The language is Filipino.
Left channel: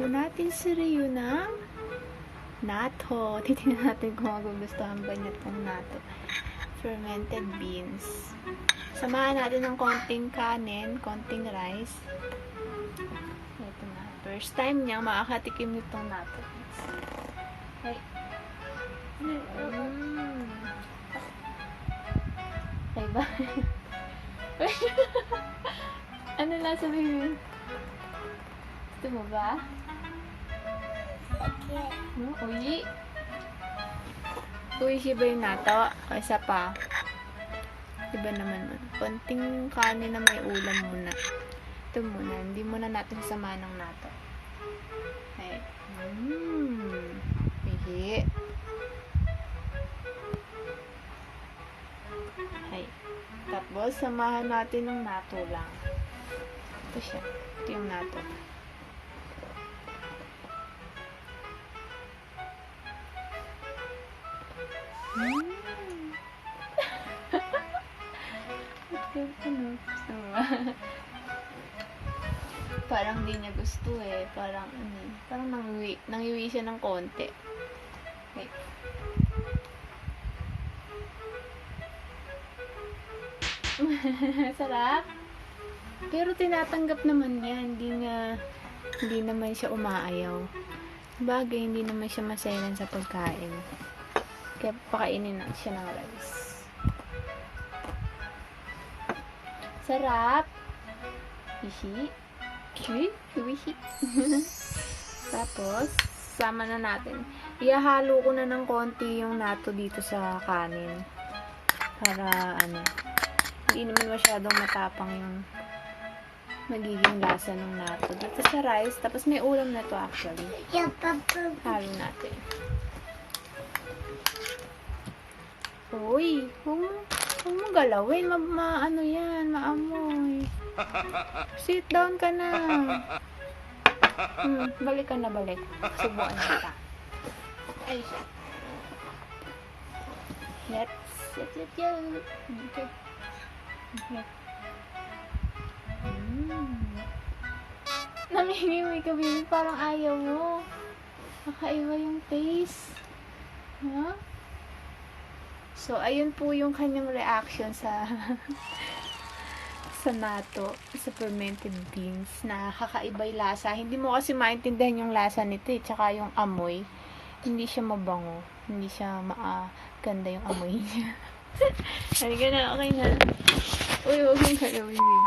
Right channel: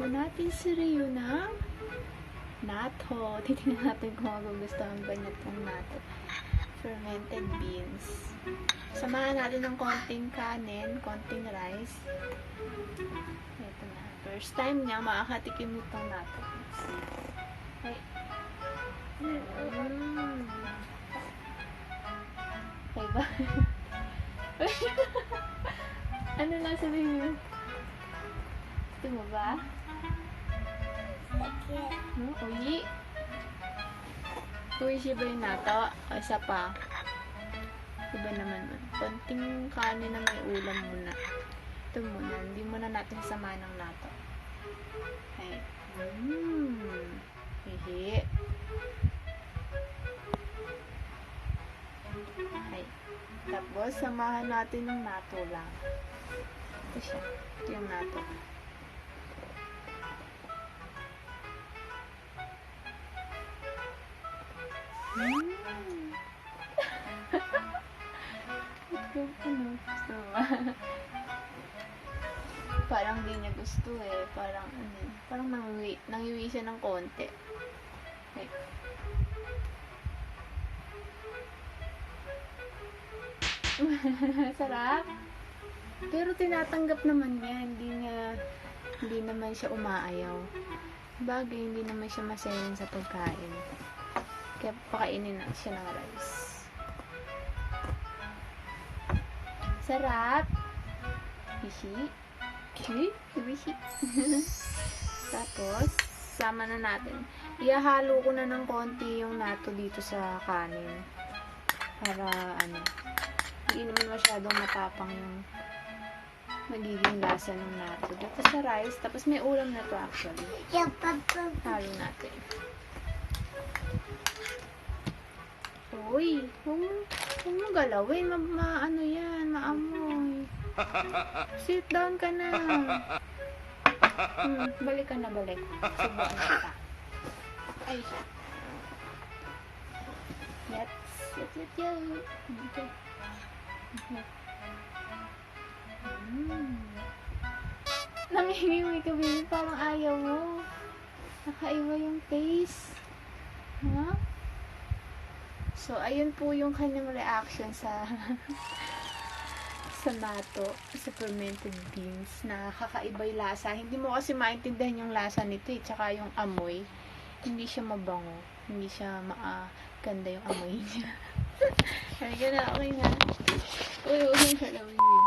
po natin si Rio ng natto. Titignan natin kung magugustuhan ba niya itong natto. Fermented beans. Samahan natin ng konting kanin, konting rice. Ito na. First time niya makakatikim nitong natto. Ay. Okay ba? Ano na sabihin? Gusto mo ba? Uy. Uy, siya ba yung natto? Isa pa. Diba naman nun? Konting kanin na may ulam muna. Ito muna. Hindi muna natin sasama ng natto. Ay. Hihi. Ay. Tapos, samahan natin ng natto lang. Ito siya. Ito yung natto. Gusto ba? Parang hindi niya gusto eh. Parang nangiwi siya ng konti. Okay. Sarap. Pero tinatanggap naman niya. Hindi naman siya umaayaw. Bagay, hindi naman siya maselan sa pagkain. Kaya pakainin na siya ng rice. Sarap. Hihi. Hihi. Tapos, sama na natin. Ihahalo ko na ng konti yung natto dito sa kanin. Para, hindi naman masyadong matapang yung magiging lasa ng natto. Dito sa rice. Tapos, may ulam na to actually. Halo natin. Uy, huwag mo galawin. Yan, maamoy. Sit down ka na. Balik ka na, balik. Subuan kita. Ay. Yes. Okay. Nangingiwi ka, baby. Parang ayaw mo. Nakaiba yung taste. Huh? So, ayun po yung kanyang reaction sa natto, sa fermented beans, na kakaiba yung lasa. Hindi mo kasi maintindihan yung lasa nito eh, tsaka yung amoy. Hindi siya mabango. Hindi siya ganda yung amoy niya. Halika na, okay na. Uy, huwag yung galawin.